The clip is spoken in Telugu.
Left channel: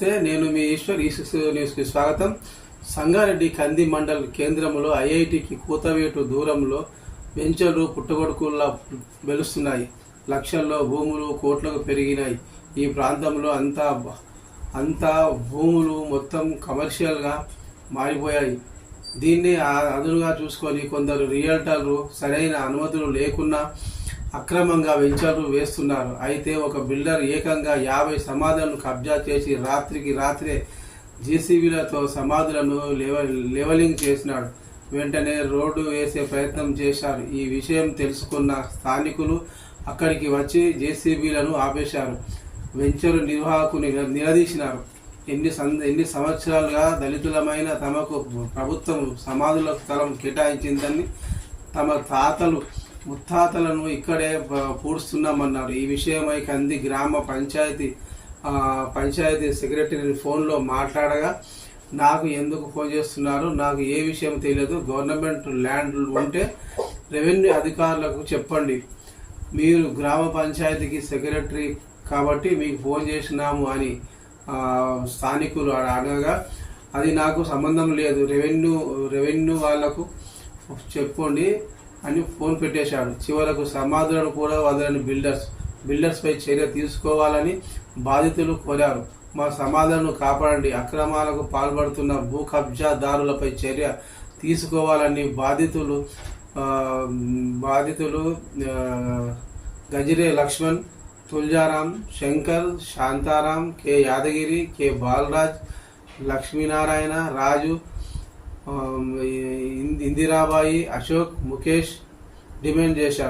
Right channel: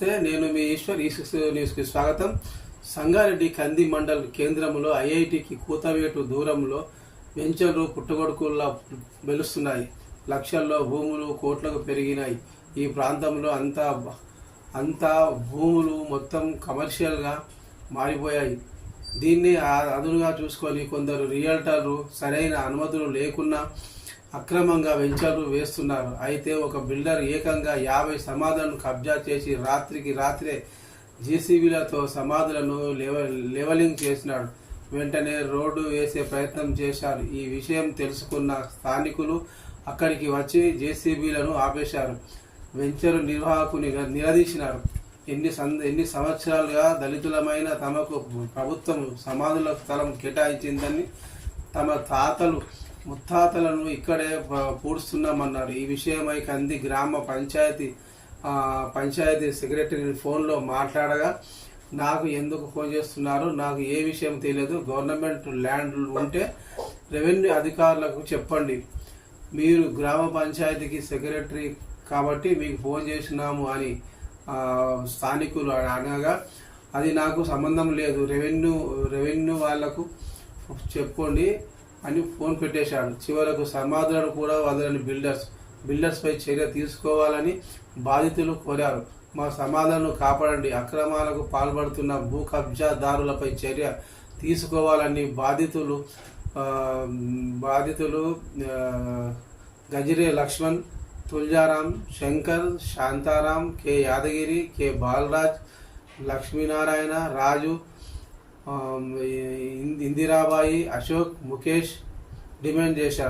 నమస్తే, నేను మీ ఈశ్వర్. ఈ6 న్యూస్కి స్వాగతం. సంగారెడ్డి కంది మండల్ కేంద్రంలో ఐఐటికి కూతవేటు దూరంలో వెంచర్లు పుట్టగొడుకుల్లా వెలుస్తున్నాయి. లక్షల్లో భూములు కోట్లకు పెరిగినాయి. ఈ ప్రాంతంలో అంతా భూములు మొత్తం కమర్షియల్గా మారిపోయాయి. దీన్ని అదునుగా చూసుకొని కొందరు రియల్టర్లు సరైన అనుమతులు లేకున్నా అక్రమంగా వెంచర్లు వేస్తున్నారు. అయితే ఒక బిల్డర్ ఏకంగా 50 సమాధులను కబ్జా చేసి రాత్రికి రాత్రే జేసీబీలతో సమాధులను లెవలింగ్ చేసినాడు. వెంటనే రోడ్డు వేసే ప్రయత్నం చేశారు. ఈ విషయం తెలుసుకున్న స్థానికులు అక్కడికి వచ్చి జేసీబీలను ఆపేశారు. వెంచరు నిర్వాహకుని నిలదీసినారు. ఎన్ని సంవత్సరాలుగా దళితులమైన తమకు ప్రభుత్వం సమాధులకు స్థలం కేటాయించిందని, తమ తాతలు ముత్తాతలను ఇక్కడే పూడుస్తున్నామన్నారు. ఈ విషయమై కంది గ్రామ పంచాయతీ సెక్రటరీ ఫోన్లో మాట్లాడగా, నాకు ఎందుకు ఫోన్ చేస్తున్నారు, నాకు ఏ విషయం తెలియదు, గవర్నమెంట్ ల్యాండ్ ఉంటే రెవెన్యూ అధికారులకు చెప్పండి, మీరు గ్రామ పంచాయతీకి సెక్రటరీ కాబట్టి మీకు ఫోన్ చేసినాము అని స్థానికులు అడగగా, అది నాకు సంబంధం లేదు, రెవెన్యూ వాళ్లకు చెప్పండి అని ఫోన్ పెట్టేశాడు. చివరకు సమాధులను కూడా వదలని బిల్డర్స్ పై చర్య తీసుకోవాలని బాధితులు కోరారు. మా సమాధులను కాపాడండి, అక్రమాలకు పాల్పడుతున్న భూ కబ్జాదారులపై చర్య తీసుకోవాలని బాధితులు గజిరే లక్ష్మణ్, తుల్జారాం, శంకర్, శాంతారాం, కె యాదగిరి, కె బాలరాజ్, లక్ష్మీనారాయణ, రాజు, ఇందిరాబాయి, అశోక్, ముఖేష్ డిమాండ్ చేశారు.